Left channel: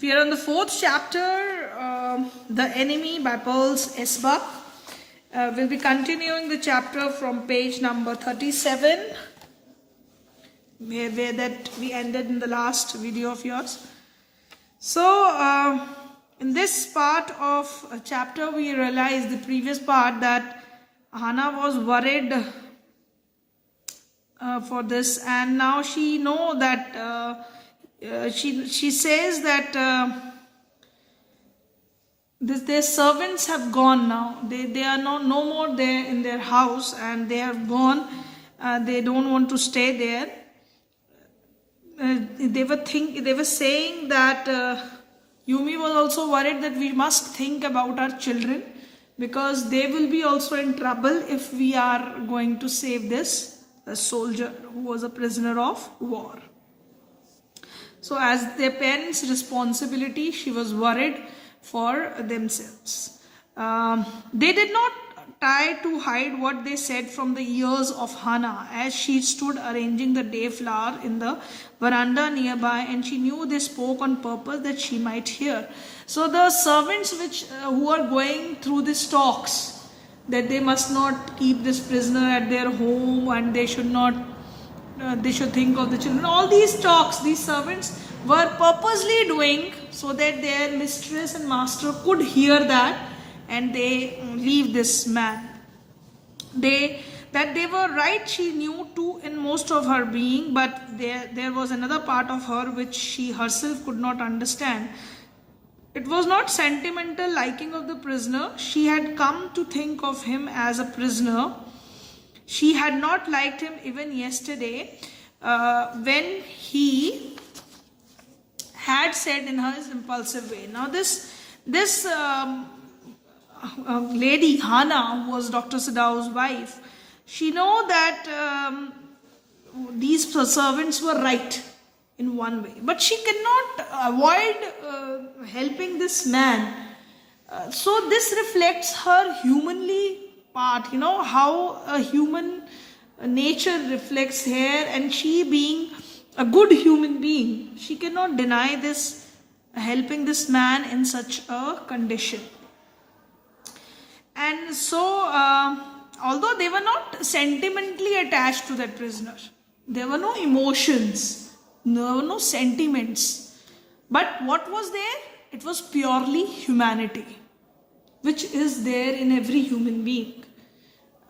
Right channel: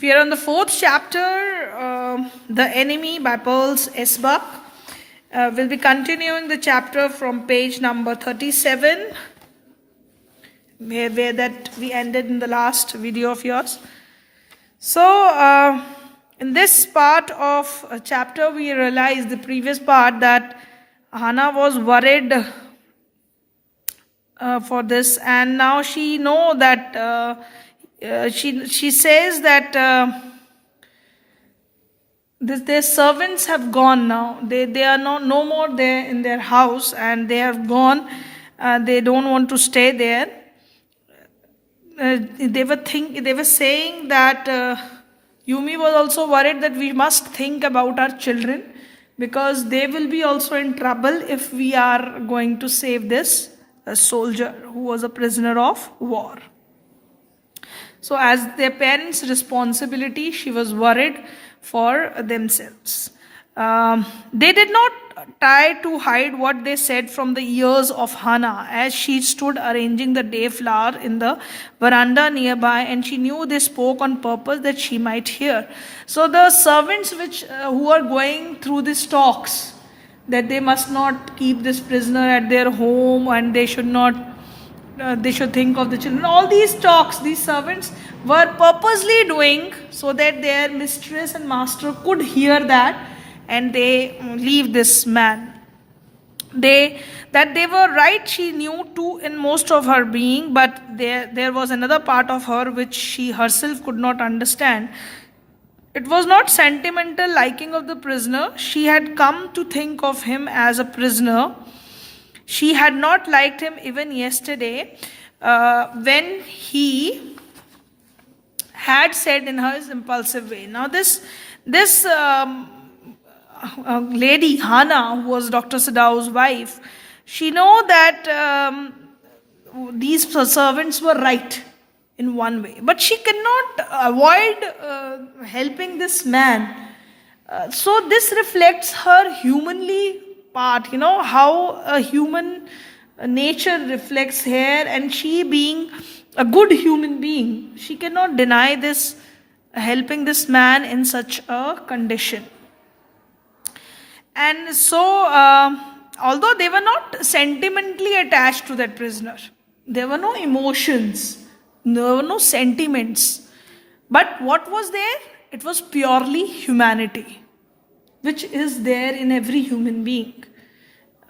We are on the fourth chapter, The Enemy by Pearls S. Buck. We'll be continuing the chapter from page number 37, where that we ended in the last video of yours. So, in this part of a chapter, we realized the previous part that Hannah was worried for this, and now she know that she says that their servants have gone now. They are no more there in their house, and they have gone. They don't want to stay there. They were saying that Yumi was also worried that we must think about our children, because they will be also in trouble if we are going to save this soldier who was a prisoner of war. So as their parents' responsibility, she was worried for themselves. They did not try to hide what they said from the ears of Hannah, as she stood arranging the day flower in the veranda nearby, and she knew they spoke on purpose that she might hear. So the servants who are going through these talks, that they must not keep this prisoner at their home, and they should not they should think of the children. All these talks, these servants were purposely doing so that their mistress and master could hear that, and they leave this man. That they were right, she knew too in most of her being, but there was another part of her which she herself could not understand. It was not sentimental liking of the prisoner. She had come to think of him as a prisoner. She had not liked him even yesterday, when he had said in her impulsive way. Now this lady Hannah, who was Dr. Sadau's wife, she know that these servants were right in one way, but she cannot avoid helping this man. So this reflects her humanly part, how a human nature reflects here, and she being a good human being, she cannot deny this, helping this man in such a condition. And so, although they were not sentimentally attached to that prisoner, there were no emotions, there were no sentiments, but what was there? It was purely humanity, which is there in every human being,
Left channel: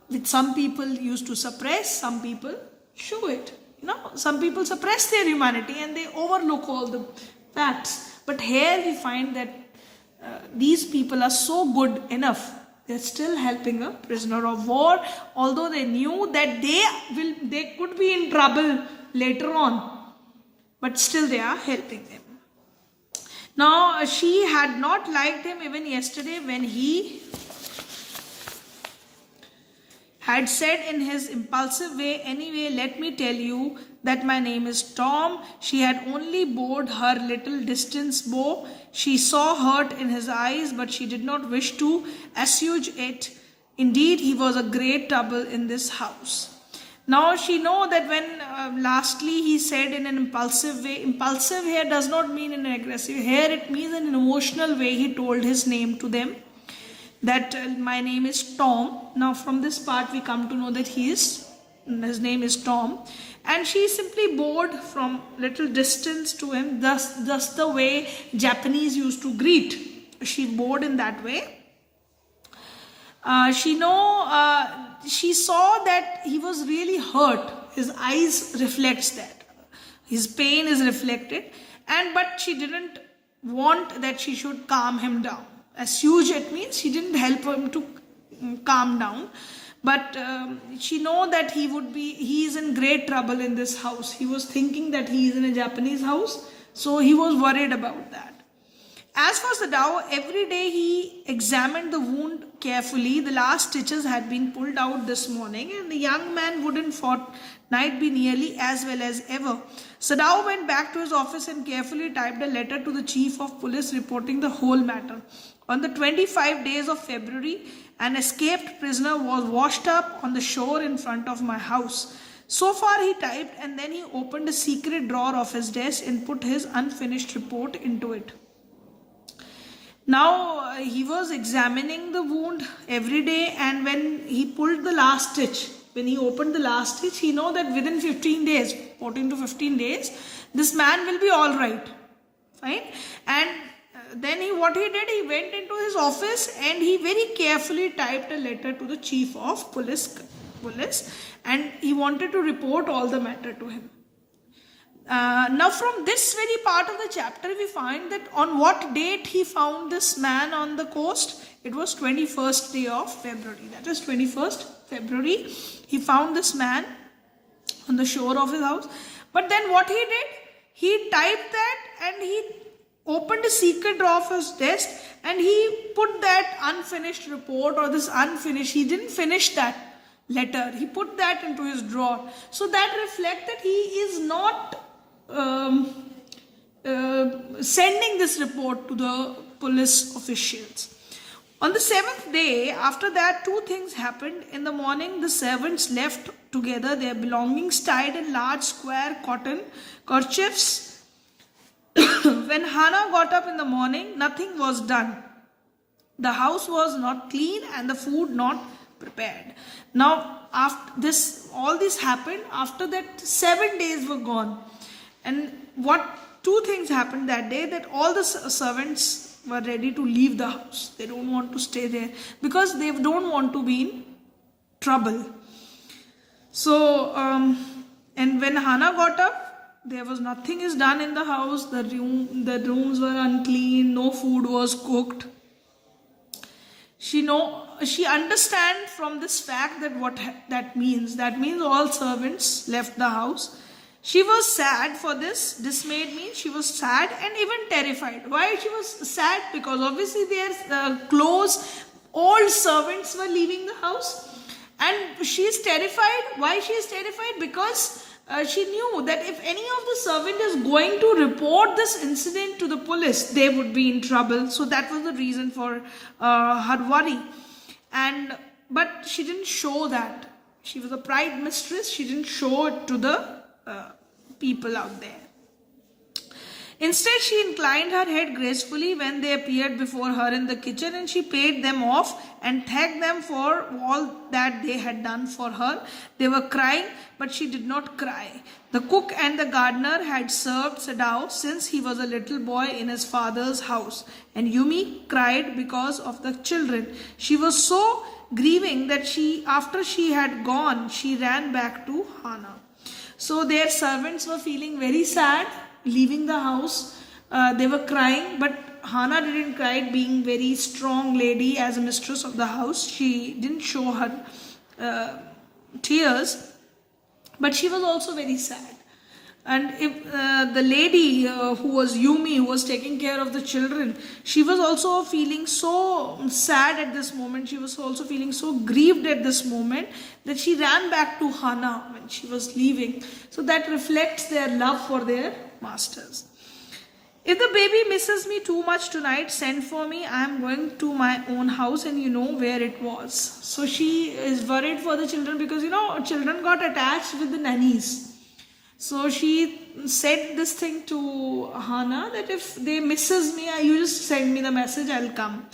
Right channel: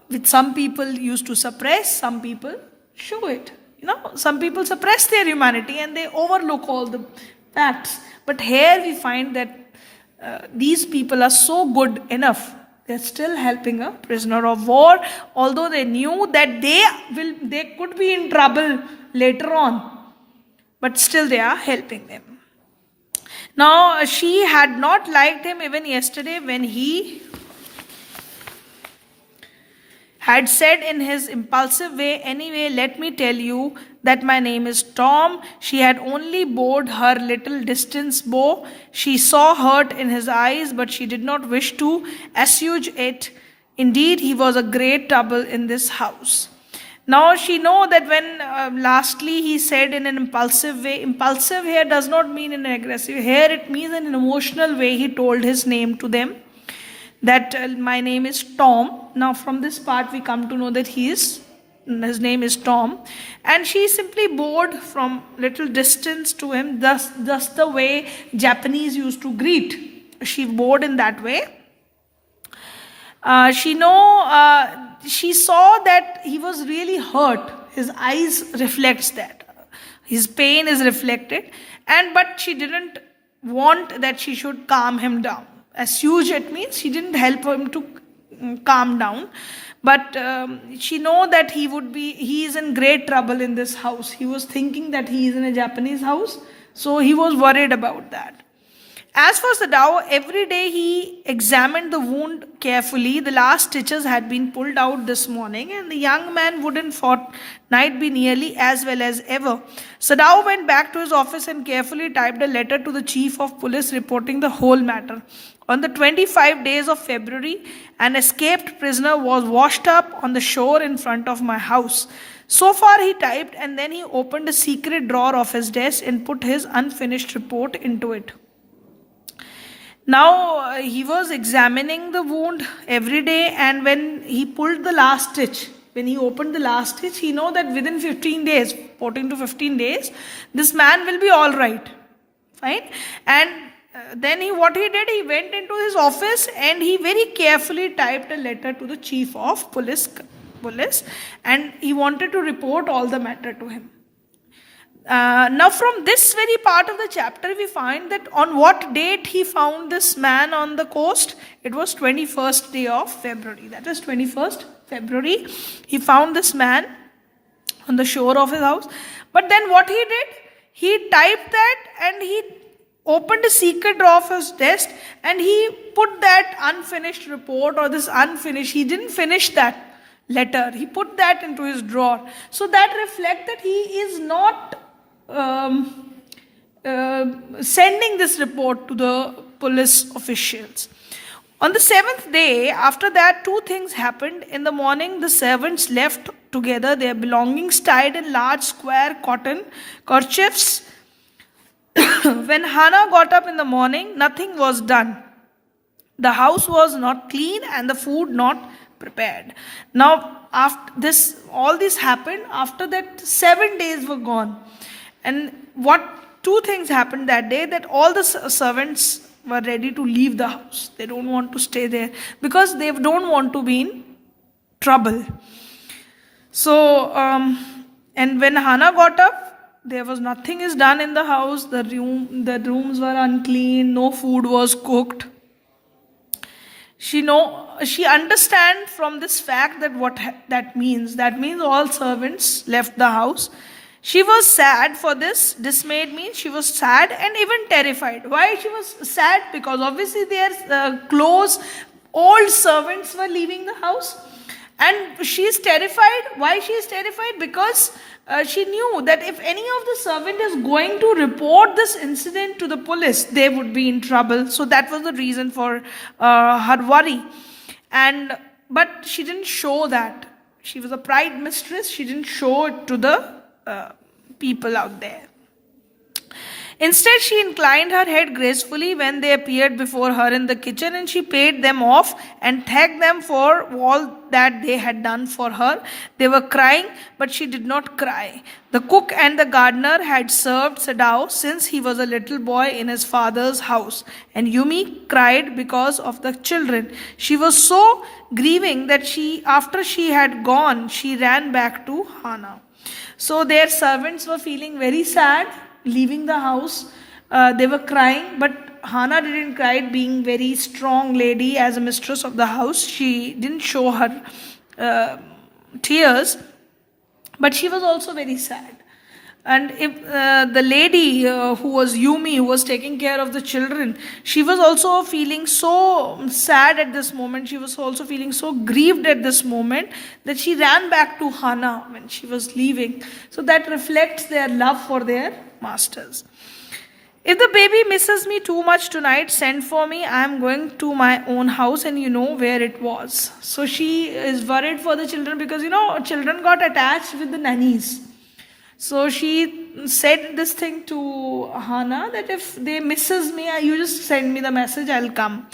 which some people used to suppress, some people show it. Some people suppress their humanity and they overlook all the facts. But here we find that these people are so good enough, they're still helping a prisoner of war, although they knew that they could be in trouble later on, but still they are helping them. Now, she had not liked him even yesterday when he had said in his impulsive way, "Anyway, let me tell you that my name is Tom." She had only bored her little distance bow. She saw hurt in his eyes, but she did not wish to assuage it. Indeed, he was a great trouble in this house. Now she know that when lastly he said in an impulsive way, impulsive here does not mean in an aggressive, here it means in an emotional way, he told his name to them, that my name is Tom. Now from this part we come to know that his name is Tom, and she simply bowed from little distance to him, thus the way Japanese used to greet. She bowed in that way. She saw that he was really hurt. His eyes reflects that. His pain is reflected, but she didn't want that she should calm him down. Assuage it means she didn't help him to calm down, but she know that he is in great trouble in this house. He was thinking that he is in a Japanese house, so he was worried about that. As for Sadao, every day he examined the wound carefully. The last stitches had been pulled out this morning, and the young man would in fortnight be nearly as well as ever. Sadao went back to his office and carefully typed a letter to the chief of police reporting the whole matter. On the 25 days of February, an escaped prisoner was washed up on the shore in front of my house. So far he typed, and then he opened a secret drawer of his desk and put his unfinished report into it. Now he was examining the wound every day, and when he pulled the last stitch, when he opened the last stitch, he know that within 15 days, 14 to 15 days, this man will be all right. Fine. And then what he did, he went into his office and he very carefully typed a letter to the chief of police, and he wanted to report all the matter to him. Now from this very part of the chapter, we find that on what date he found this man on the coast. It was 21st day of February. That is 21st February. He found this man on the shore of his house. But then what he did, he typed that and he opened a secret drawer of his desk and he put that unfinished report or this unfinished, he didn't finish that letter. He put that into his drawer. So that reflects that he is not sending this report to the police officials. On the 7th day, after that, two things happened. In the morning, the servants left together their belongings tied in large square cotton kerchiefs. When Hannah got up in the morning, nothing was done. The house was not clean and the food not prepared. Now, after this, all this happened. After that, 7 days were gone. And what two things happened that day, that all the servants were ready to leave the house. They don't want to stay there because they don't want to be in trouble. So, and when Hannah got up, there was nothing is done in the house. The rooms were unclean. No food was cooked. She understands from this fact that what that means. That means all servants left the house. She was sad for this. Dismayed means she was sad and even terrified. Why she was sad? Because obviously their close old servants were leaving the house. And she is terrified. Why she is terrified? Because she knew that if any of the servant is going to report this incident to the police, they would be in trouble. So that was the reason for her worry. But she didn't show that. She was a pride mistress. She didn't show it to the people out there. Instead, she inclined her head gracefully when they appeared before her in the kitchen, and she paid them off and thanked them for all that they had done for her. They were crying, but she did not cry. The cook and the gardener had served Sadao since he was a little boy in his father's house, and Yumi cried because of the children. She was so grieving that after she had gone, she ran back to Hannah. So their servants were feeling very sad, leaving the house. They were crying, but Hannah didn't cry, being very strong lady as a mistress of the house. She didn't show her tears, but she was also very sad. And if the lady who was Yumi, who was taking care of the children, she was also feeling so sad at this moment. She was also feeling so grieved at this moment that she ran back to Hannah when she was leaving. So that reflects their love for their masters. If the baby misses me too much tonight, send for me. I am going to my own house and you know where it was. So she is worried for the children because, children got attached with the nannies. So she said this thing to Hannah that if they misses me, you just send me the message, I'll come.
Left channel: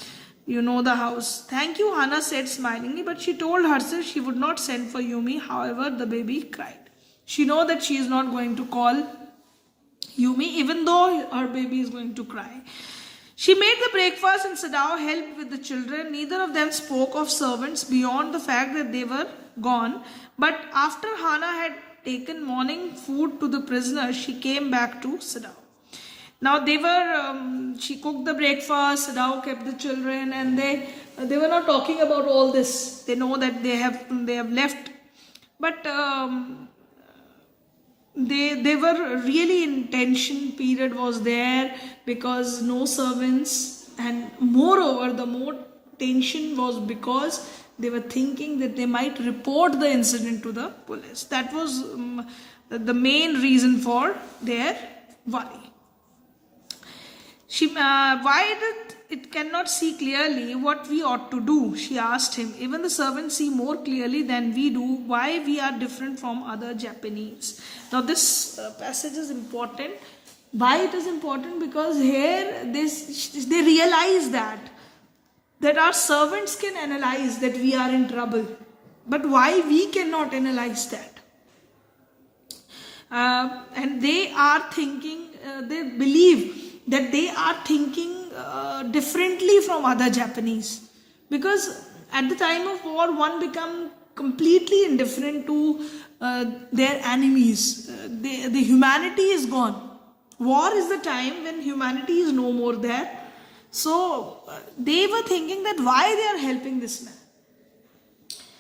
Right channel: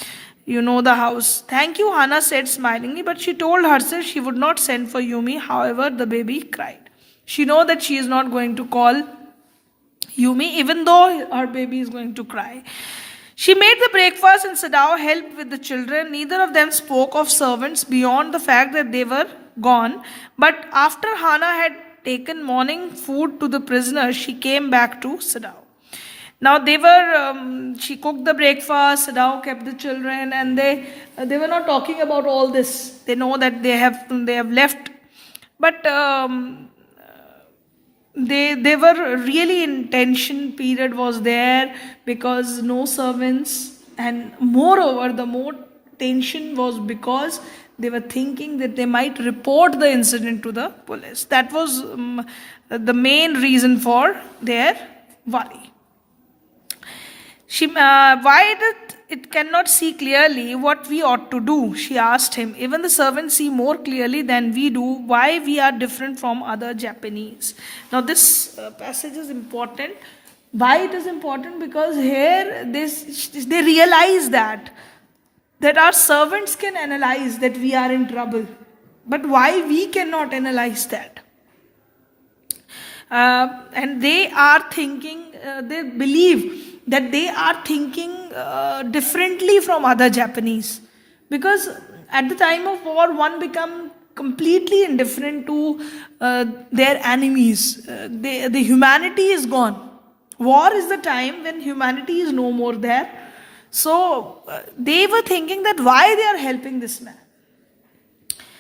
You know the house. Thank you, Hannah said smilingly, but she told herself she would not send for Yumi. However, the baby cried. She know that she is not going to call Yumi, even though her baby is going to cry. She made the breakfast and Sadao helped with the children. Neither of them spoke of servants beyond the fact that they were gone. But after Hannah had taken morning food to the prisoners, she came back to Sadao. Now she cooked the breakfast, Sadao kept the children, and they were not talking about all this. They know that they have left, but they were really in tension period was there because no servants, and moreover the more tension was because they were thinking that they might report the incident to the police. That was the main reason for their worry. Why did it cannot see clearly what we ought to do? She asked him. Even the servants see more clearly than we do. Why we are different from other Japanese? Now this passage is important. Why it is important? Because here they realize that our servants can analyze that we are in trouble, but why we cannot analyze that? And they are thinking, they believe that they are thinking differently from other Japanese, because at the time of war one become completely indifferent to their enemies. The humanity is gone. War is the time when humanity is no more there. So they were thinking that why they are helping this man.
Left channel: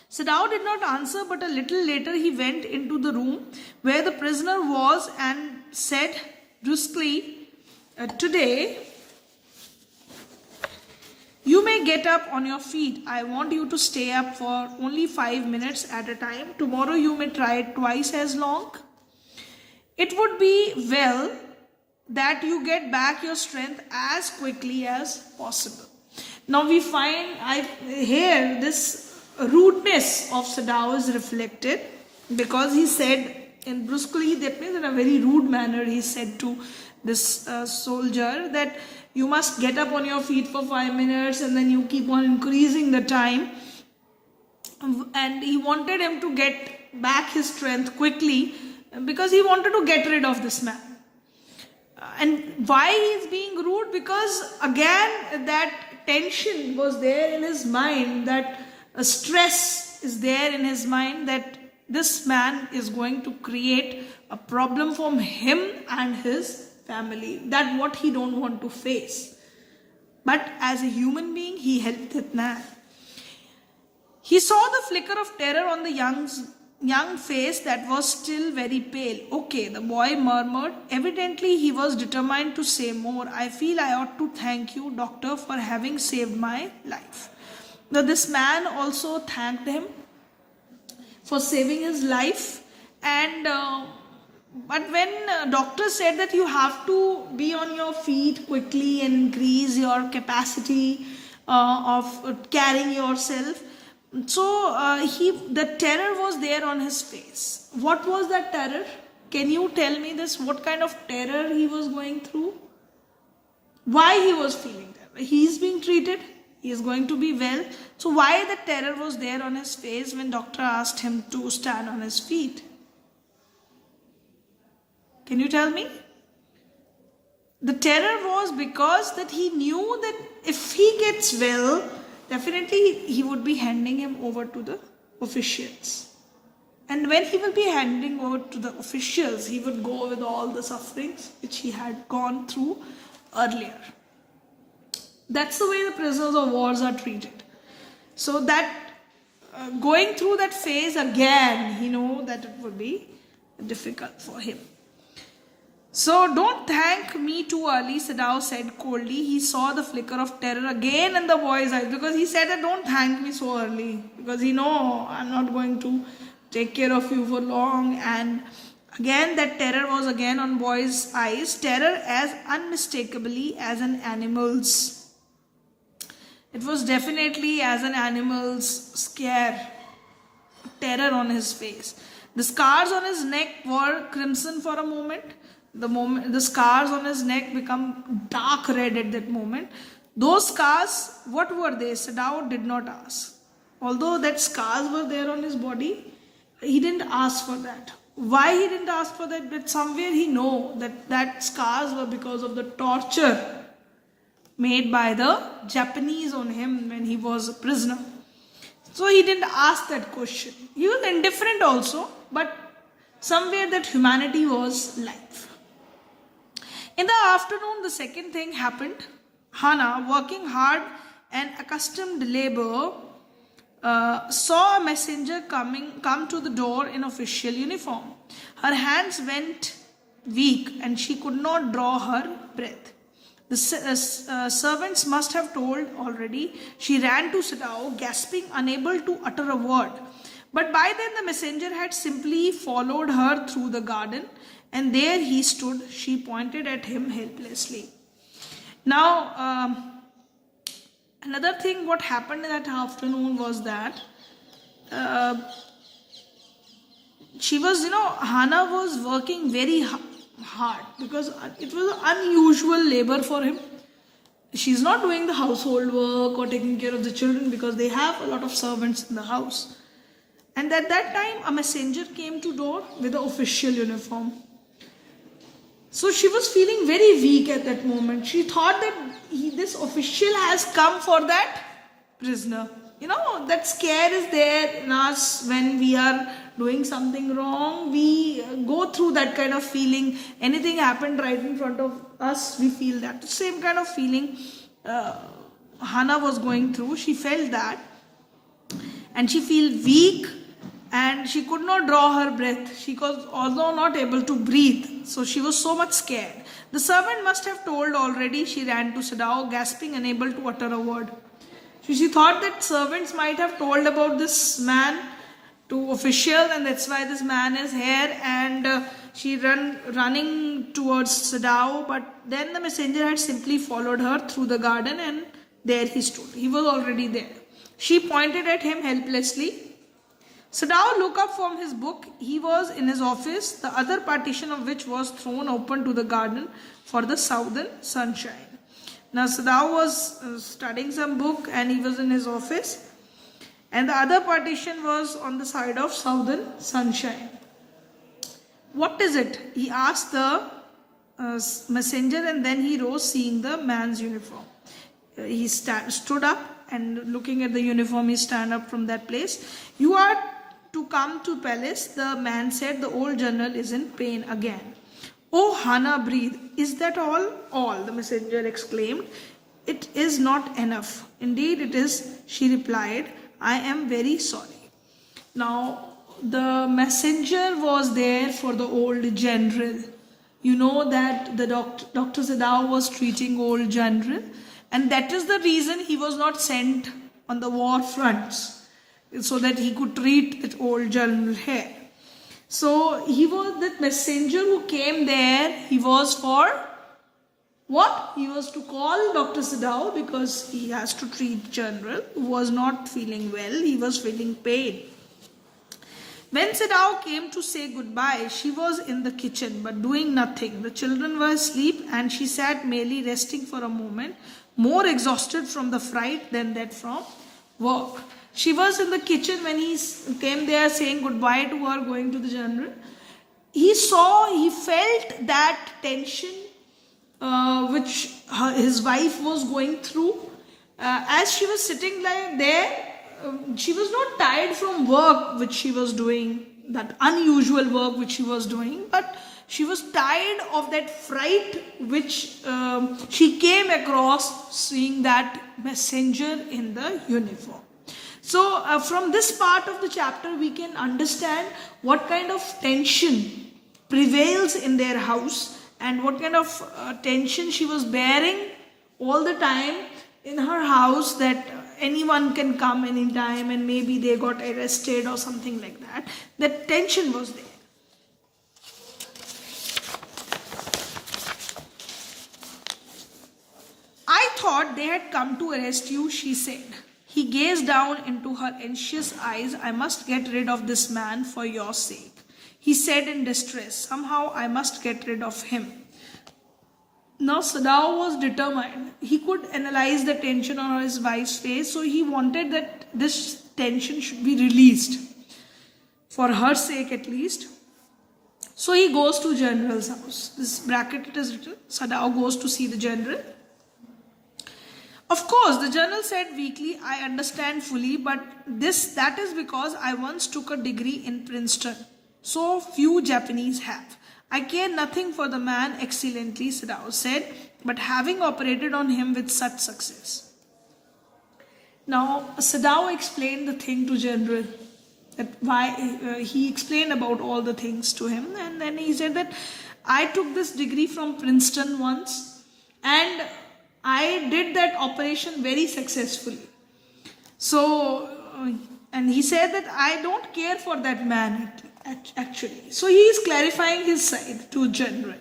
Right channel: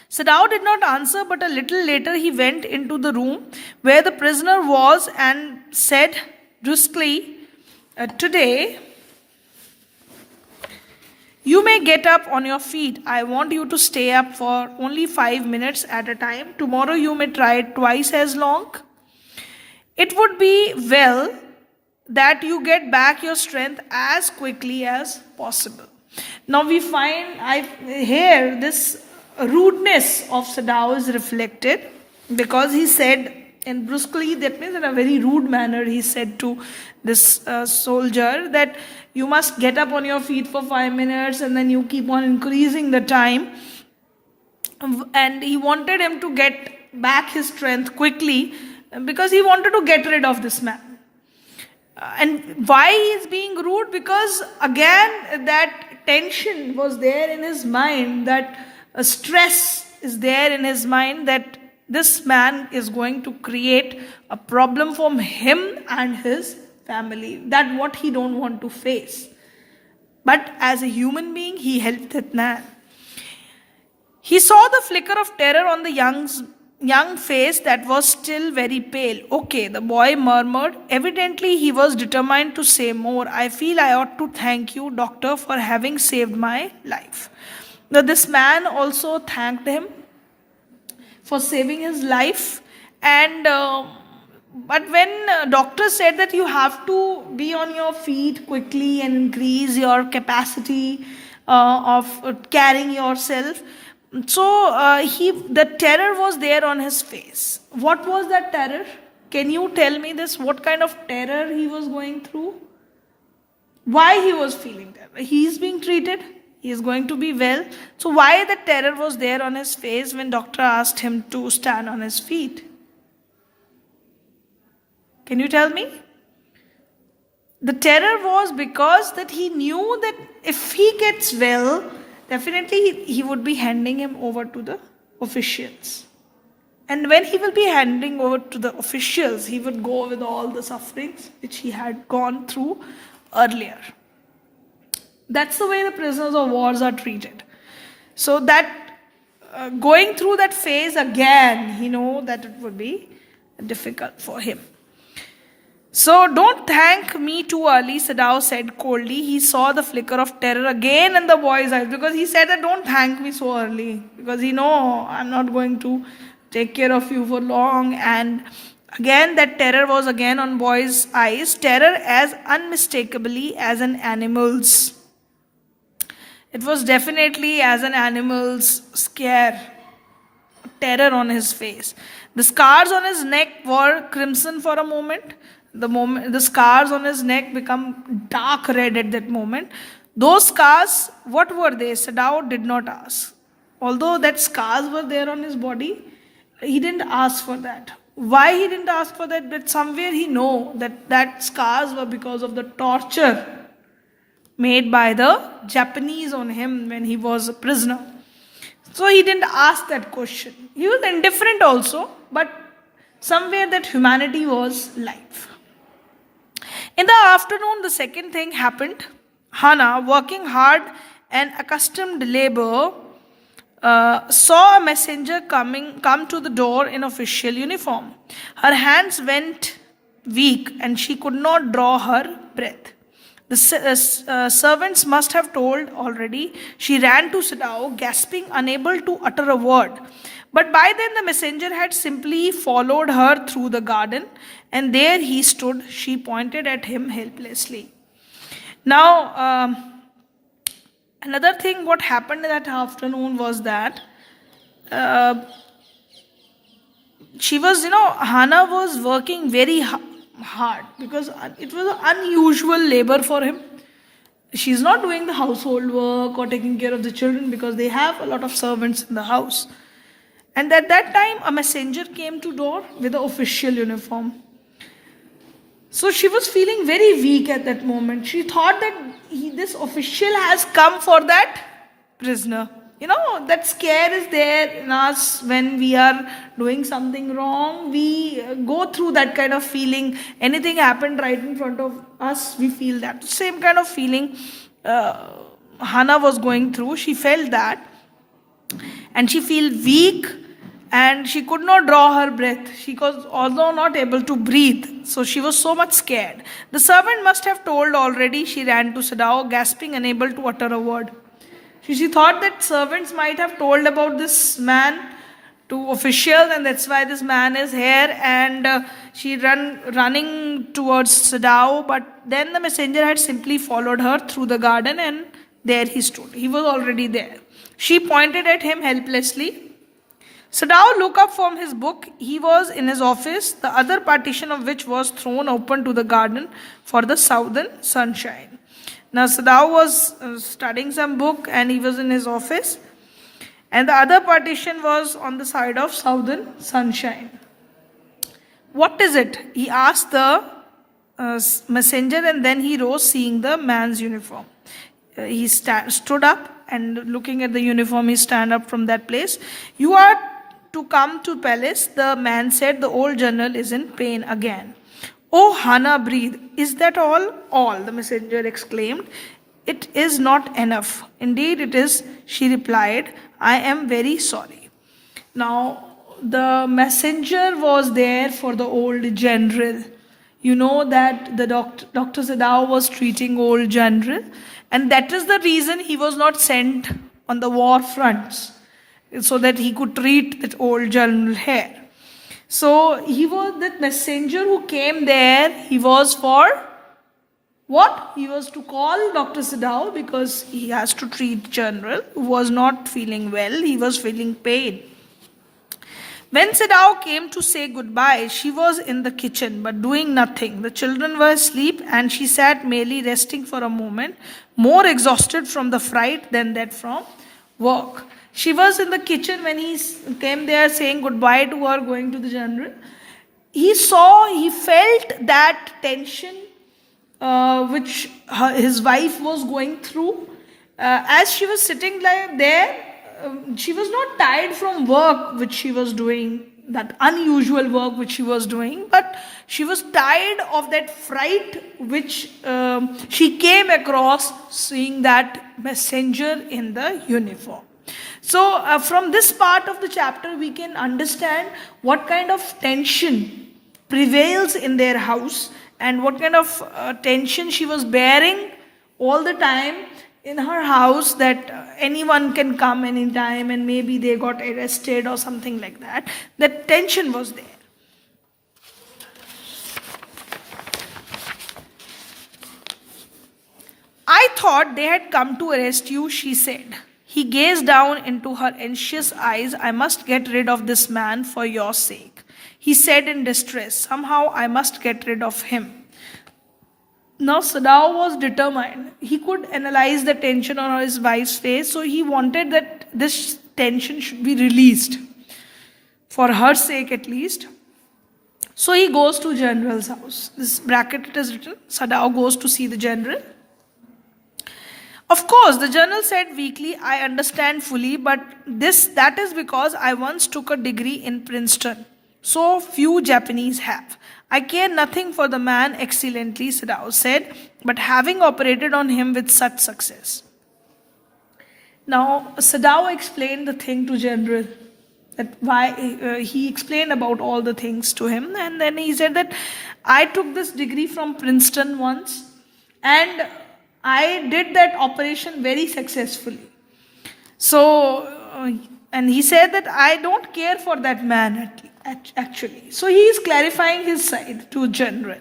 Sadao did not answer, but a little later he went into the room where the prisoner was and said brusquely, "Today, you may get up on your feet. I want you to stay up for only 5 minutes at a time. Tomorrow you may try it twice as long. It would be well that you get back your strength as quickly as possible." Now we find here this rudeness of Sadao is reflected, because he said in brusquely, that means in a very rude manner, he said to this soldier that you must get up on your feet for 5 minutes, and then you keep on increasing the time. And he wanted him to get back his strength quickly, because he wanted to get rid of this man. And why he is being rude? Because again that tension was there in his mind, that stress is there in his mind, that this man is going to create a problem for him and his family, that what he don't want to face. But as a human being, he helped that man. He saw the flicker of terror on the young face that was still very pale. "Okay," the boy murmured. Evidently, he was determined to say more. "I feel I ought to thank you, doctor, for having saved my life." Now, this man also thanked him for saving his life. And but when doctor said that you have to be on your feet quickly and increase your capacity of carrying yourself, so the terror was there on his face. What was that terror? Can you tell me this? What kind of terror he was going through? Why he was feeling terror? He is being treated. He is going to be well. So why the terror was there on his face when doctor asked him to stand on his feet? Can you tell me? The terror was because that he knew that if he gets well, definitely he would be handing him over to the officials. And when he will be handing over to the officials, he would go with all the sufferings which he had gone through earlier. That's the way the prisoners of wars are treated. So that going through that phase again, he know that it would be difficult for him. "So don't thank me too early," Sadao said coldly. He saw the flicker of terror again in the boy's eyes, because he said that don't thank me so early, because he know I'm not going to take care of you for long. And again that terror was again on boy's eyes, terror as unmistakably as an animal's. It was definitely as an animal's scare, terror on his face. The scars on his neck were crimson for a moment. The scars on his neck become dark red at that moment. Those scars, what were they? Sadao did not ask. Although that scars were there on his body, he didn't ask for that. Why he didn't ask for that? But somewhere he know that scars were because of the torture made by the Japanese on him when he was a prisoner. So he didn't ask that question. He was indifferent also, but somewhere that humanity was life. In the afternoon, the second thing happened. Hana, working hard and accustomed to labor, saw a messenger come to the door in official uniform. Her hands went weak and she could not draw her breath. The servants must have told already. She ran to Sadao, gasping, unable to utter a word. But by then the messenger had simply followed her through the garden, and there he stood. She pointed at him helplessly. Now, another thing what happened that afternoon was that she was, Hana was working very hard because it was an unusual labor for him. She's not doing the household work or taking care of the children because they have a lot of servants in the house. And at that time, a messenger came to door with an official uniform. So she was feeling very weak at that moment. She thought that this official has come for that prisoner. That scare is there in us when we are doing something wrong. We go through that kind of feeling. Anything happened right in front of us, we feel that. Same kind of feeling Hannah was going through. She felt that. And she felt weak. And she could not draw her breath. She was although not able to breathe. So she was so much scared. The servant must have told already. She ran to Sadao, gasping, unable to utter a word. She thought that servants might have told about this man to officials, and that's why this man is here. And she running towards Sadao. But then the messenger had simply followed her through the garden, and there he stood. He was already there. She pointed at him helplessly. Sadao looked up from his book. He was in his office, the other partition of which was thrown open to the garden for the southern sunshine. Now Sadao was studying some book and he was in his office, and the other partition was on the side of southern sunshine. What is it? He asked the messenger, and then he rose, seeing the man's uniform. He stood up, and looking at the uniform, he stand up from that place. You are to come to palace, the man said. The old general is in pain again. Oh, Hannah breathed. Is that all? All, the messenger exclaimed. It is not enough. Indeed it is, she replied. I am very sorry. Now, the messenger was there for the old general. You know that the Dr. Sadao was treating old general, and that is the reason he was not sent on the war fronts, so that he could treat that old general here. So he was that messenger who came there. He was for what? He was to call Dr. Sadao because he has to treat general who was not feeling well. He was feeling pain. When Sadao came to say goodbye, she was in the kitchen but doing nothing. The children were asleep and she sat merely resting for a moment, more exhausted from the fright than that from work. She was in the kitchen when he came there saying goodbye to her, going to the general. He felt that tension which his wife was going through. As she was sitting there, she was not tired from work which she was doing, that unusual work which she was doing, but she was tired of that fright which she came across seeing that messenger in the uniform. So from this part of the chapter we can understand what kind of tension prevails in their house and what kind of tension she was bearing all the time in her house, that anyone can come anytime and maybe they got arrested or something like that. That tension was there. I thought they had come to arrest you, she said. He gazed down into her anxious eyes. I must get rid of this man for your sake, he said in distress. Somehow I must get rid of him. Now Sadao was determined. He could analyze the tension on his wife's face, so he wanted that this tension should be released, for her sake at least. So he goes to general's house. This bracket it is written, Sadao goes to see the general. Of course, the general said weakly, I understand fully, but that is because I once took a degree in Princeton. So few Japanese have. I care nothing for the man excellently, Sadao said, but having operated on him with such success. Now, Sadao explained the thing to general, that why he explained about all the things to him, and then he said that I took this degree from Princeton once, and I did that operation very successfully. So, and he said that I don't care for that man actually. So he is clarifying his side to general.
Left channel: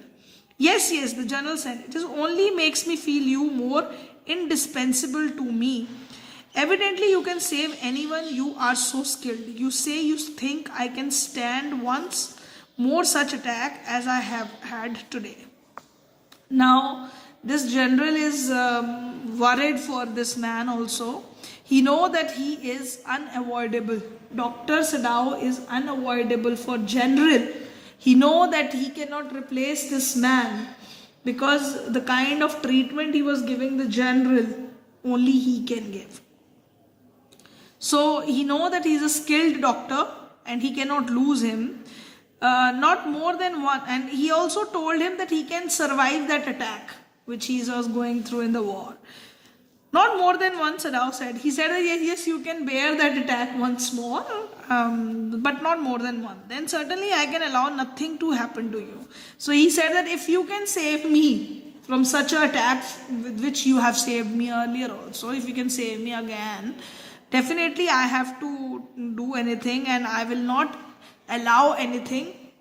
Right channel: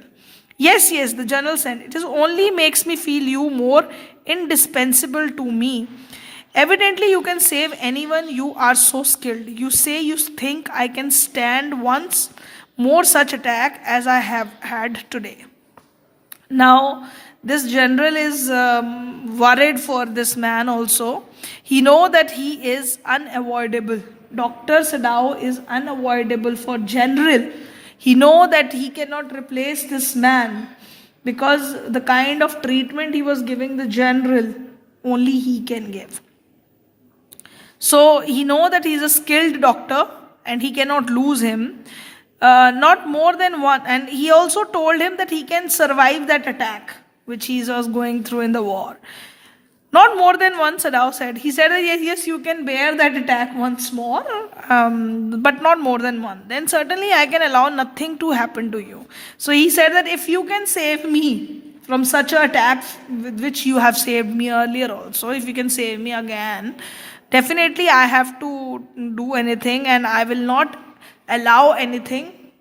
Yes, the general said, it is only makes me feel you more indispensable to me. Evidently you can save anyone, you are so skilled. You say you think I can stand once, more such attack as I have had today. Now, this general is worried for this man also. He know that he is unavoidable. Dr. Sadao is unavoidable for general. He know that he cannot replace this man because the kind of treatment he was giving the general, only he can give. So he know that he is a skilled doctor and he cannot lose him. Not more than one, and he also told him that he can survive that attack which he was going through in the war. Not more than one, Sadao said. He said, yes, you can bear that attack once more, but not more than one. Then certainly I can allow nothing to happen to you. So he said that if you can save me from such an attack with which you have saved me earlier also, if you can save me again, definitely I have to do anything, and I will not allow anything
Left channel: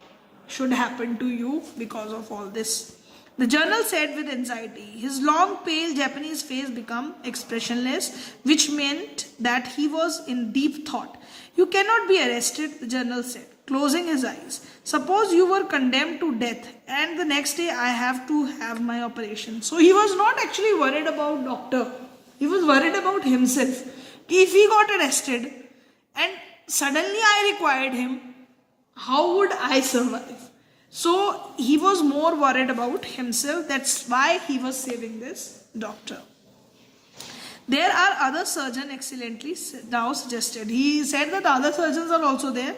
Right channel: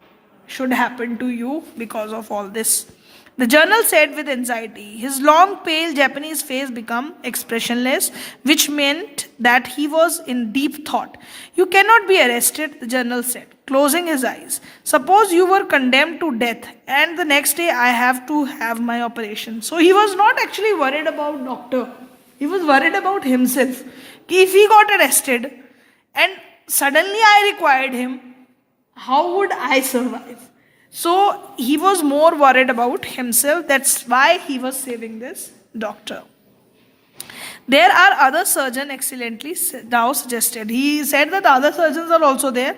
should happen to you because of all this. The general said with anxiety. His long, pale Japanese face became expressionless, which meant that he was in deep thought. You cannot be arrested, the general said, closing his eyes. Suppose you were condemned to death, and the next day I have to have my operation. So he was not actually worried about doctor. He was worried about himself. If he got arrested and suddenly I required him, how would I survive? So he was more worried about himself. That's why he was saving this doctor. There are other surgeons, excellently now suggested. He said that other surgeons are also there.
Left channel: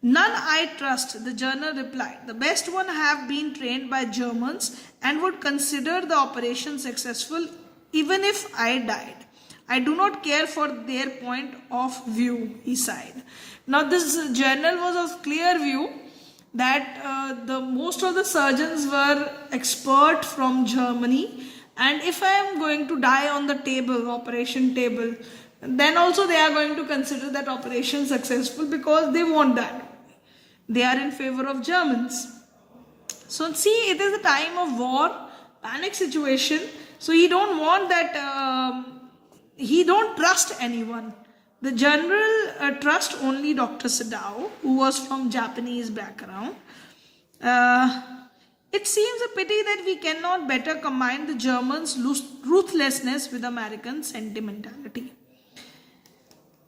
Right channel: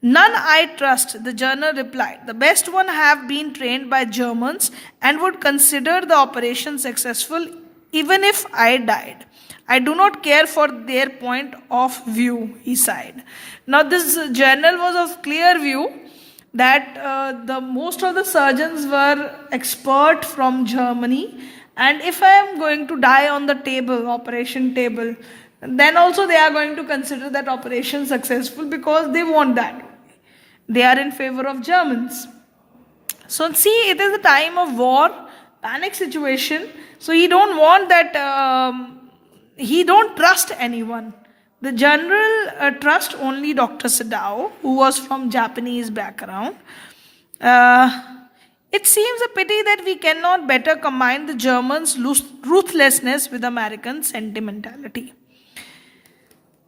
None I trust, the general replied. The best one have been trained by Germans and would consider the operation successful even if I died. I do not care for their point of view, he sighed. Now this general was of clear view that the most of the surgeons were expert from Germany, and if I am going to die on the table, operation table, then also they are going to consider that operation successful because they want that. They are in favor of Germans. So see, it is a time of war, panic situation. So he don't want that. He don't trust anyone. The general trust only Dr. Sadao, who was from Japanese background. It seems a pity that we cannot better combine the Germans' ruthlessness with American sentimentality.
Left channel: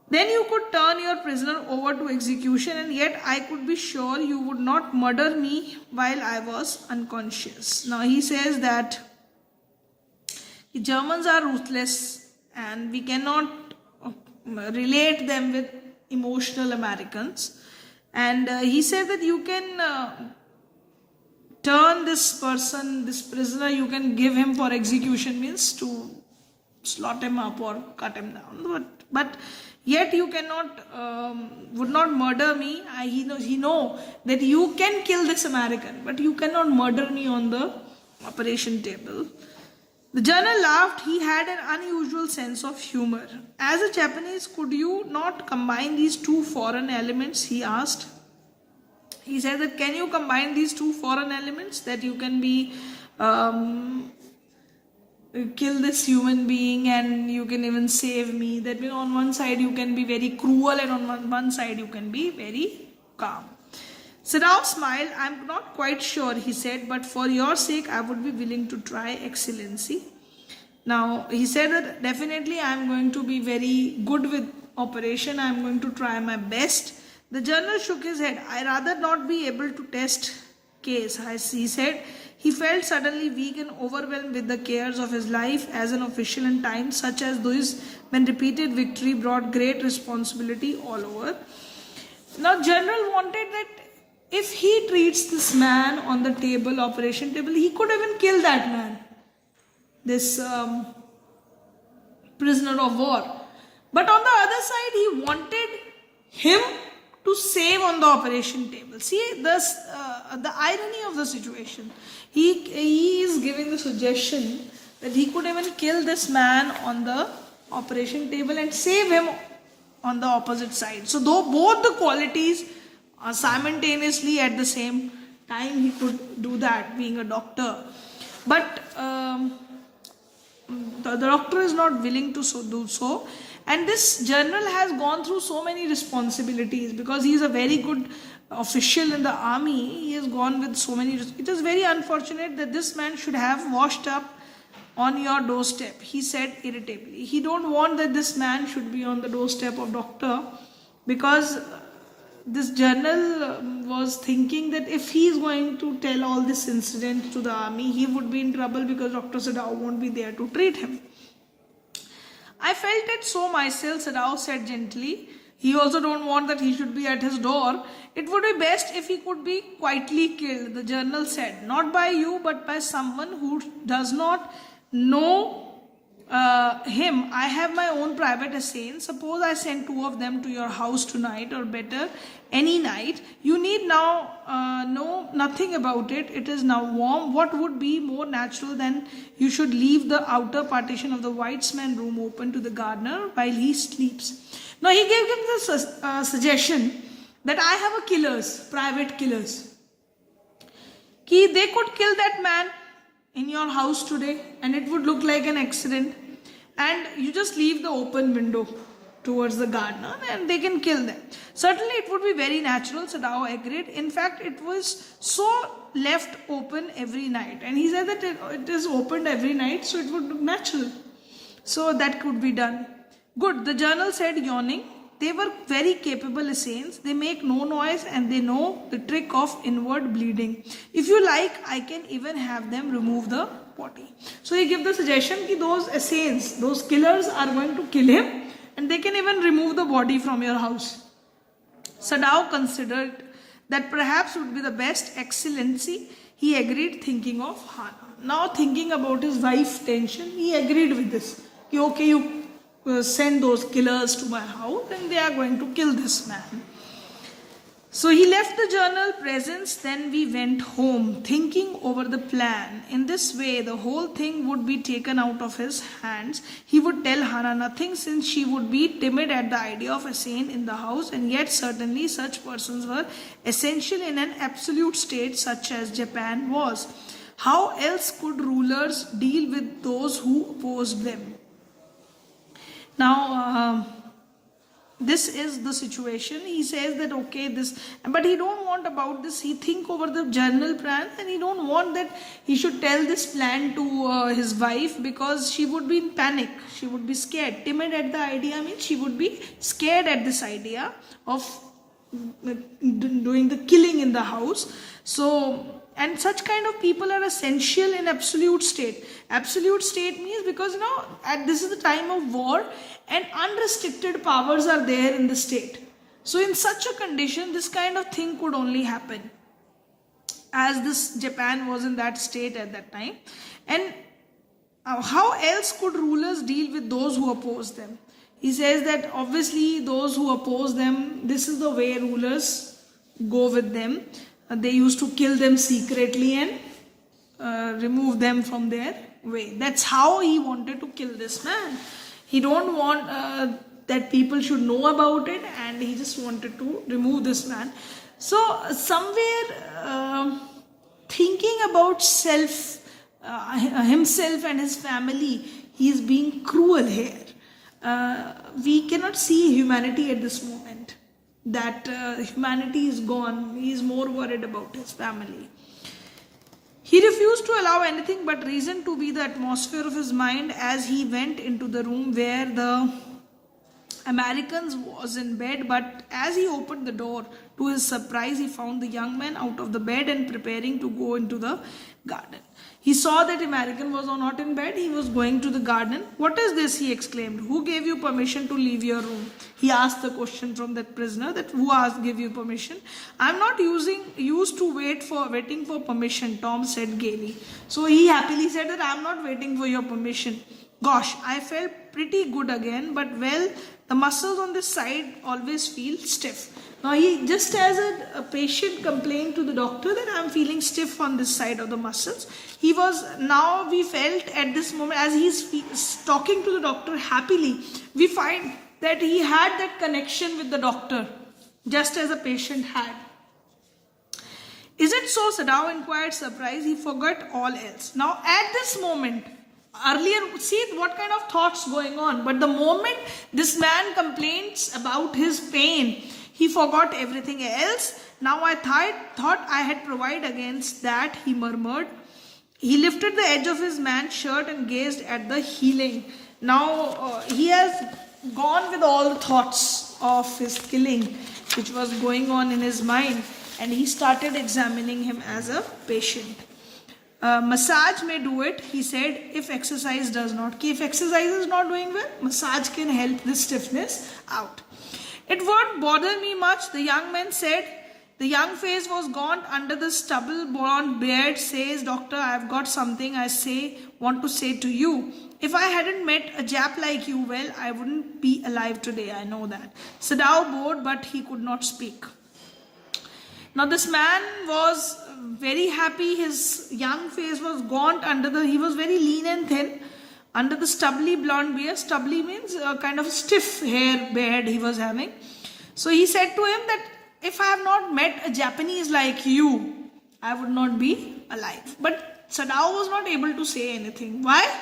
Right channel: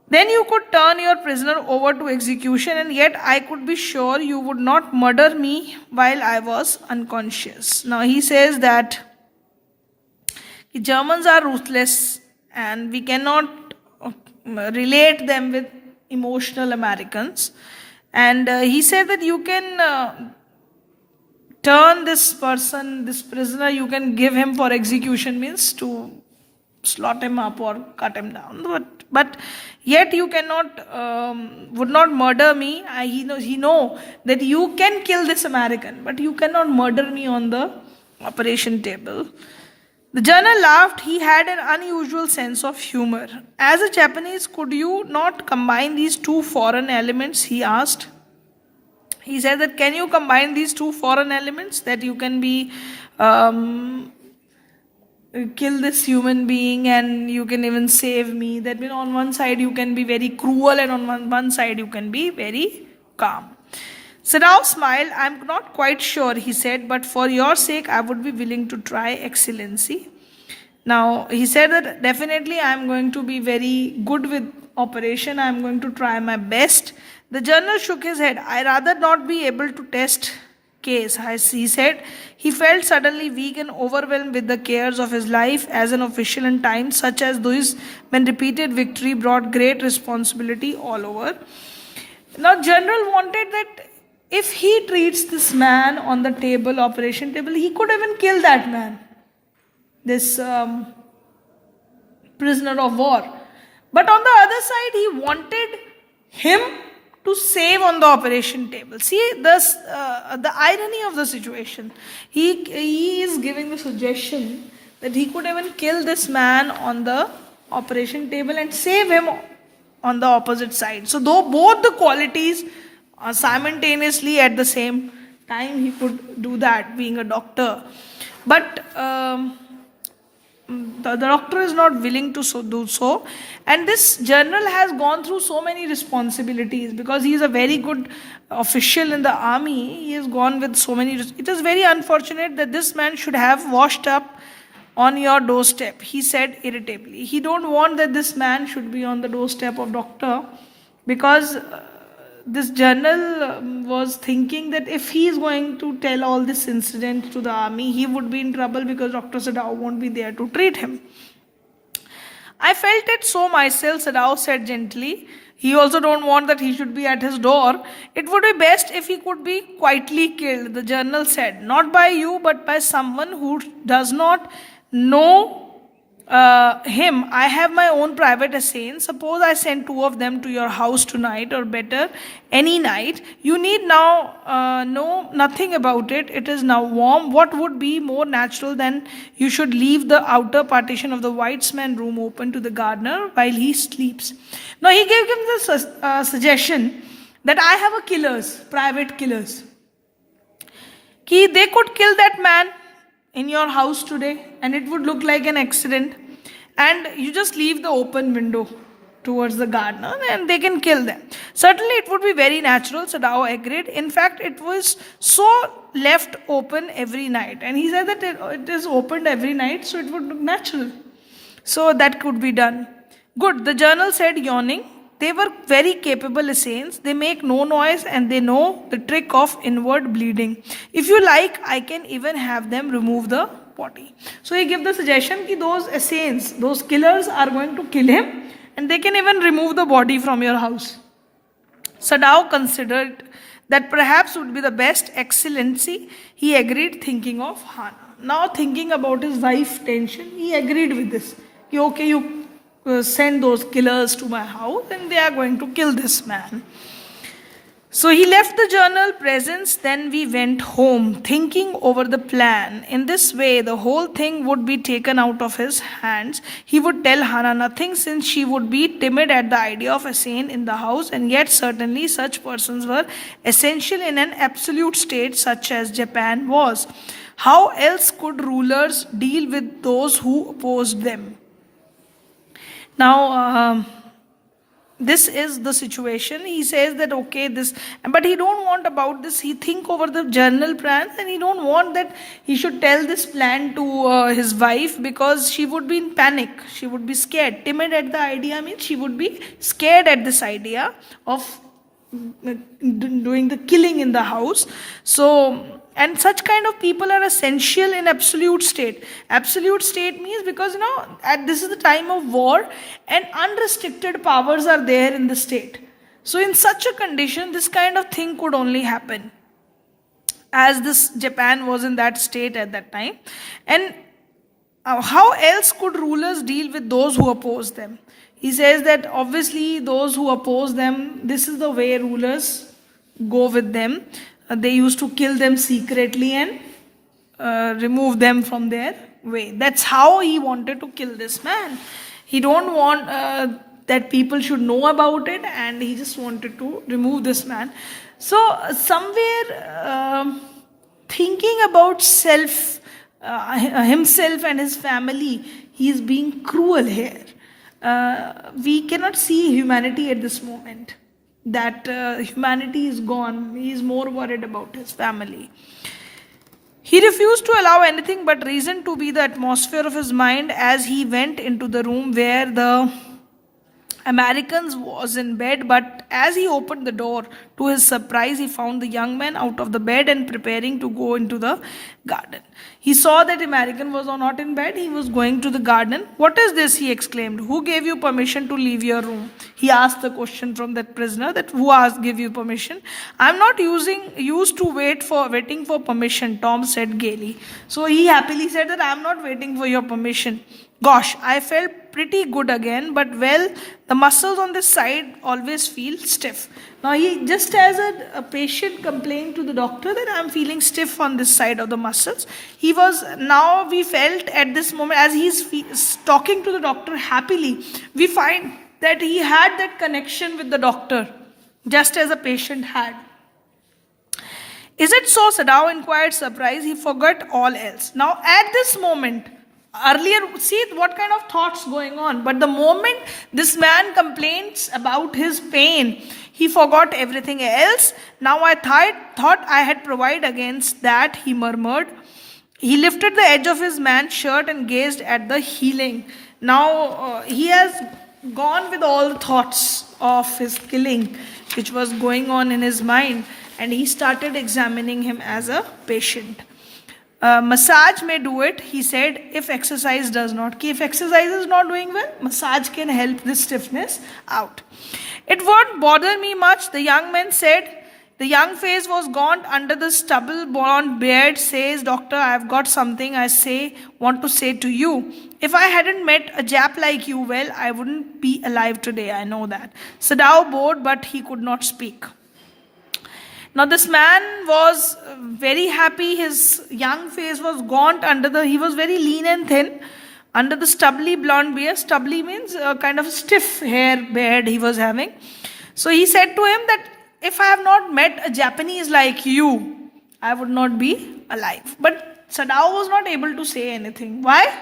Then you could turn your prisoner over to execution, and yet I could be sure you would not murder me while I was unconscious. Now he says that the Germans are ruthless and we cannot relate them with emotional Americans. And he said that you can turn this person, this prisoner, you can give him for execution, means to slot him up or cut him down. But yet you cannot, would not murder me. He know that you can kill this American, but you cannot murder me on the operation table. The general laughed. He had an unusual sense of humor. As a Japanese, could you not combine these two foreign elements? He asked. He said that can you combine these two foreign elements, that you can be kill this human being and you can even save me. That means on one side you can be very cruel and on one side you can be very calm. Sadao smiled. I'm not quite sure, he said, but for your sake I would be willing to try, Excellency. Now he said that definitely I am going to be very good with operation. I am going to try my best. The general shook his head. I rather not be able to test case. As he said, he felt suddenly weak and overwhelmed with the cares of his life as an official in times such as those when repeated victory brought great responsibility all over. Now general wanted that if he treats this man on the table, operation table, he could even kill that man, this prisoner of war. But on the other side, he wanted him to save on the operation table. See this, the irony of the situation. He is giving the suggestion that he could even kill this man on the operation table and save him on the opposite side. So though both the qualities simultaneously at the same time he could do that, being a doctor. But the doctor is not willing to do so. And this general has gone through so many responsibilities because he is a very good official in the army. He has gone with so many. It is very unfortunate that this man should have washed up on your doorstep, he said irritably. He don't want that this man should be on the doorstep of doctor, because this general was thinking that if he is going to tell all this incident to the army, he would be in trouble because Dr. Sadao won't be there to treat him. I felt it so myself, Sadao said gently. He also don't want that he should be at his door. It would be best if he could be quietly killed, the general said. Not by you, but by someone who does not know him. I have my own private assassins. Suppose I send two of them to your house tonight, or better, any night. You need now know nothing about it. It is now warm. What would be more natural than you should leave the outer partition of the whitesman room open to the gardener while he sleeps? Now he gave him the suggestion that I have a killers, private killers. Ki they could kill that man in your house today and it would look like an accident, and you just leave the open window towards the gardener and they can kill them. Certainly it would be very natural, Sadao agreed. In fact, it was so left open every night, and he said that it is opened every night, so it would look natural. So that could be done. Good, the journal said, yawning. They were very capable assassins. They make no noise and they know the trick of inward bleeding. If you like, I can even have them remove the body. So he gave the suggestion that those assassins, those killers are going to kill him and they can even remove the body from your house. Sadao considered that perhaps would be the best. Excellency, he agreed, thinking of Hana. Now thinking about his wife's tension, he agreed with this. Okay, you send those killers to my house and they are going to kill this man. So he left the journal presence. Then we went home, thinking over the plan. In this way, the whole thing would be taken out of his hands. He would tell Hana nothing, since she would be timid at the idea of a scene in the house, and yet certainly such persons were essential in an absolute state such as Japan was. How else could rulers deal with those who opposed them? Now, this is the situation. He says that okay, this, but he don't want about this. He think over the journal plan, and he don't want that he should tell this plan to his wife, because she would be in panic. She would be scared. Timid at the idea means she would be scared at this idea of doing the killing in the house. So, and such kind of people are essential in absolute state. Absolute state means, because this is the time of war and unrestricted powers are there in the state. So in such a condition, this kind of thing could only happen, as this Japan was in that state at that time. And how else could rulers deal with those who oppose them? He says that obviously those who oppose them, this is the way rulers go with them. They used to kill them secretly and remove them from their way. That's how he wanted to kill this man. He don't want that people should know about it, and he just wanted to remove this man. So somewhere thinking about himself and his family, he is being cruel here. We cannot see humanity at this moment. That humanity is gone. He is more worried about his family. He refused to allow anything but reason to be the atmosphere of his mind as he went into the room where the American was in bed, but as he opened the door, to his surprise, he found the young man out of the bed and preparing to go into the garden. He saw that American was not in bed. He was going to the garden. What is this? He exclaimed. Who gave you permission to leave your room? He asked the question from that prisoner, that who asked give you permission? I'm not used to waiting for permission, Tom said gaily. So he happily said that I'm not waiting for your permission. Gosh, I felt pretty good again, but well, the muscles on this side always feel stiff. Now he, just as a patient complained to the doctor that I'm feeling stiff on this side of the muscles, we felt at this moment, as he's talking to the doctor happily, we find that he had that connection with the doctor, just as a patient had. Is it so? Sadao inquired, surprised. He forgot all else. Now at this moment, earlier, see what kind of thoughts going on. But the moment this man complains about his pain, he forgot everything else. Now I thought I had provided against that, he murmured. He lifted the edge of his man's shirt and gazed at the healing. Now he has gone with all the thoughts of his killing, which was going on in his mind, and he started examining him as a patient. Massage may do it, he said, if exercise does not. If exercise is not doing well, massage can help this stiffness out. It won't bother me much, the young man said. The young face was gaunt under the stubble blonde beard. Says, Doctor, I've got something want to say to you. If I hadn't met a Jap like you, well, I wouldn't be alive today, I know that. Sadao bowed, but he could not speak. Now this man was very happy. His young face was gaunt he was very lean and thin under the stubbly blonde beard. Stubbly means kind of stiff hair beard he was having. So he said to him that if I have not met a Japanese like you, I would not be alive. But Sadao was not able to say anything. Why?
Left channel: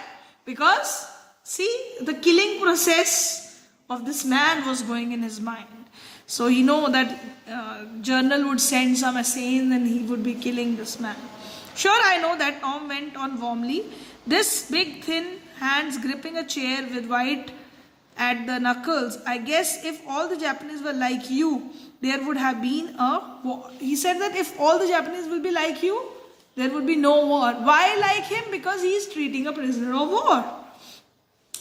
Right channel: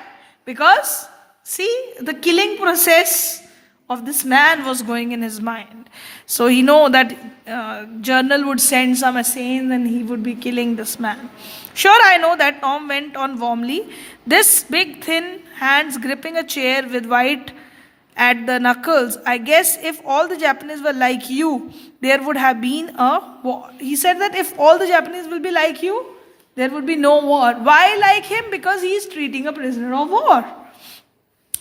Because, see, the killing process of this man was going in his mind. So he know that journal would send some assassins and he would be killing this man. Sure, I know that, Tom went on warmly. This big thin hands gripping a chair with white at the knuckles. I guess if all the Japanese were like you, there would have been a war. He said that if all the Japanese will be like you, there would be no war. Why like him? Because he is treating a prisoner of war.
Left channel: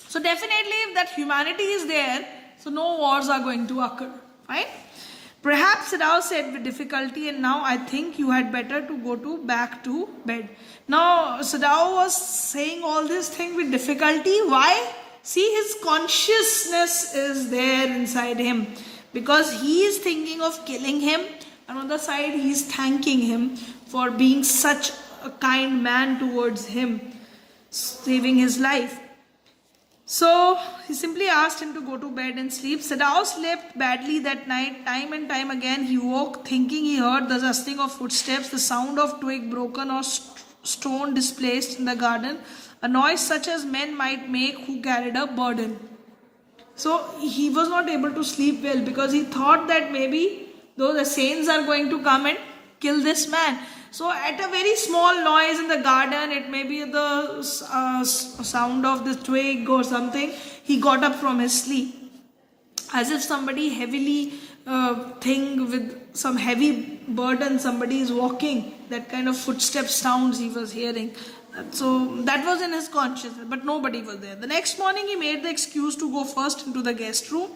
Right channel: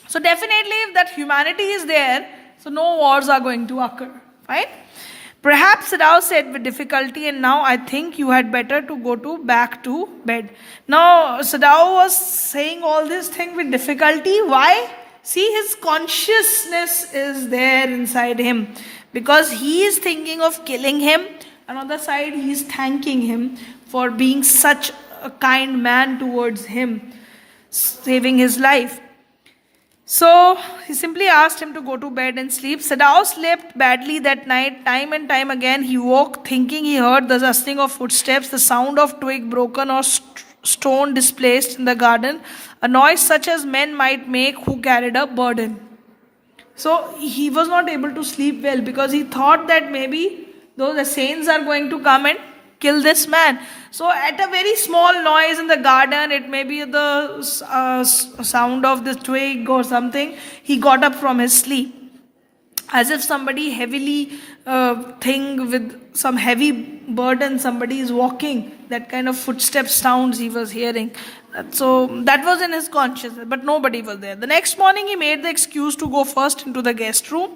So definitely if that humanity is there, so no wars are going to occur. Right? Perhaps Sadao said with difficulty, and now I think you had better to go back to bed. Now Sadao was saying all this thing with difficulty. Why? See, his consciousness is there inside him. Because he is thinking of killing him, and on the side he is thanking him for being such a kind man towards him, saving his life. So he simply asked him to go to bed and sleep. Sadao slept badly that night. Time and time again he woke thinking he heard the rustling of footsteps, the sound of twig broken or stone displaced in the garden, a noise such as men might make who carried a burden. So he was not able to sleep well because he thought that maybe those assassins are going to come and kill this man. So at a very small noise in the garden, it may be the sound of the twig or something, he got up from his sleep. As if somebody heavily thing with some heavy burden, somebody is walking, that kind of footstep sounds he was hearing. So that was in his consciousness, but nobody was there. The next morning he made the excuse to go first into the guest room.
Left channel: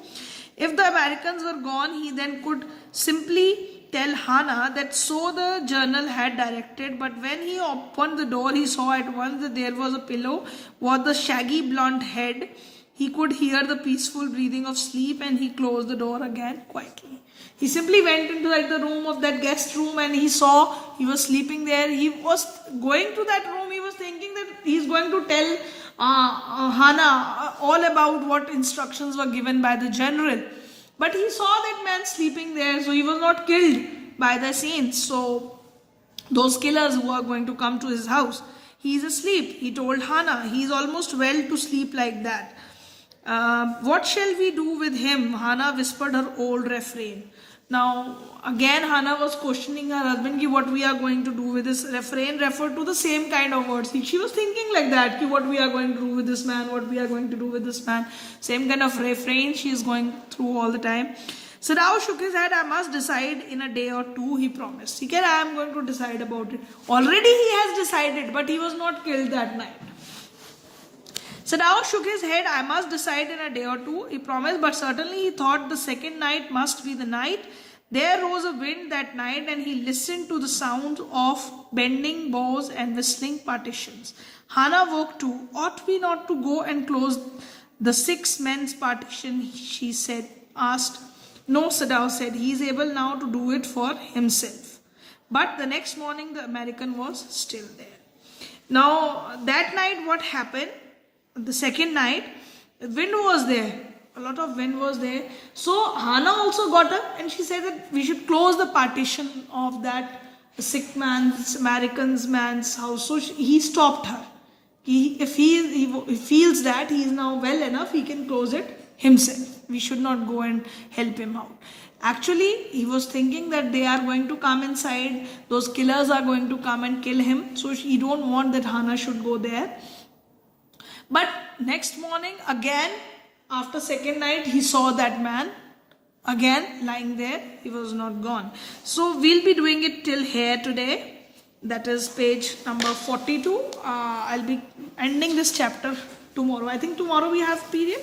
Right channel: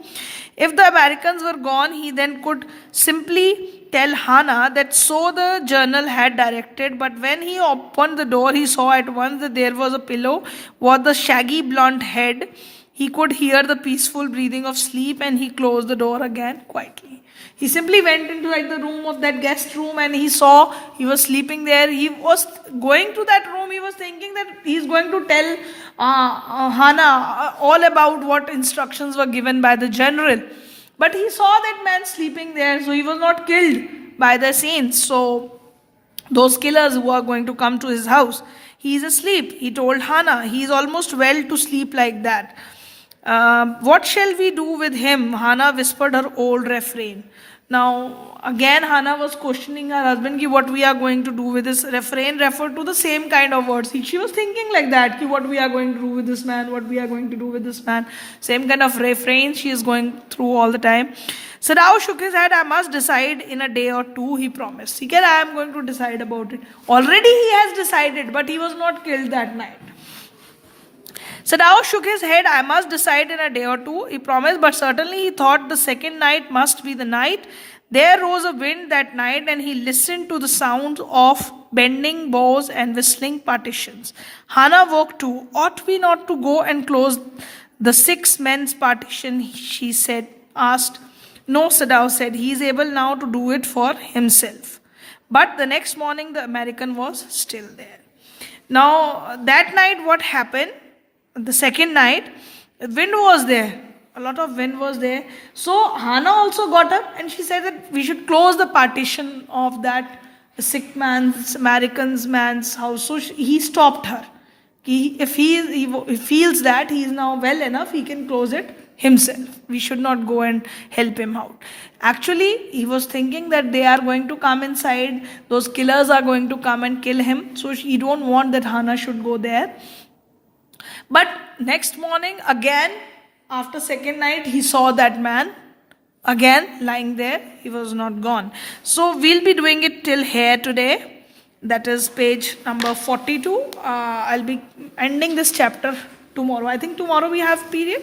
If the Americans were gone, he then could simply tell Hana that so the journal had directed, but when he opened the door, he saw at once that there was a pillow with the shaggy blonde head. He could hear the peaceful breathing of sleep, and he closed the door again quietly. He simply went into the room of that guest room and he saw he was sleeping there. He was going to that room. He was thinking that he is going to tell Hana all about what instructions were given by the general. But he saw that man sleeping there, so he was not killed by the saints. So those killers who are going to come to his house, he is asleep. He told Hana, he is almost well to sleep like that. What shall we do with him? Hana whispered her old refrain. Now, again, Hana was questioning her husband, what we are going to do with this. Refrain referred to the same kind of words. She was thinking like that, what we are going to do with this man, what we are going to do with this man. Same kind of refrain she is going through all the time. Sadao shook his head. I must decide in a day or two, he promised. He said, I am going to decide about it. Already he has decided, but he was not killed that night. Sadao shook his head. I must decide in a day or two, he promised, but certainly he thought the second night must be the night. There rose a wind that night, and he listened to the sound of bending bows and whistling partitions. Hana woke too. Ought we not to go and close the 6 men's partition, she asked. No, Sadao said, he is able now to do it for himself. But the next morning the American was still there. Now that night what happened? The second night, wind was there. A lot of wind was there. So Hana also got up and she said that we should close the partition of that sick man's, American's man's house. So he stopped her. If he feels that he is now well enough, he can close it himself. We should not go and help him out. Actually, he was thinking that they are going to come inside, those killers are going to come and kill him. So he don't want that Hana should go there. But next morning, again, after second night, he saw that man again lying there. He was not gone. So we'll be doing it till here today. That is page number 42. I'll be ending this chapter tomorrow. I think tomorrow we have period.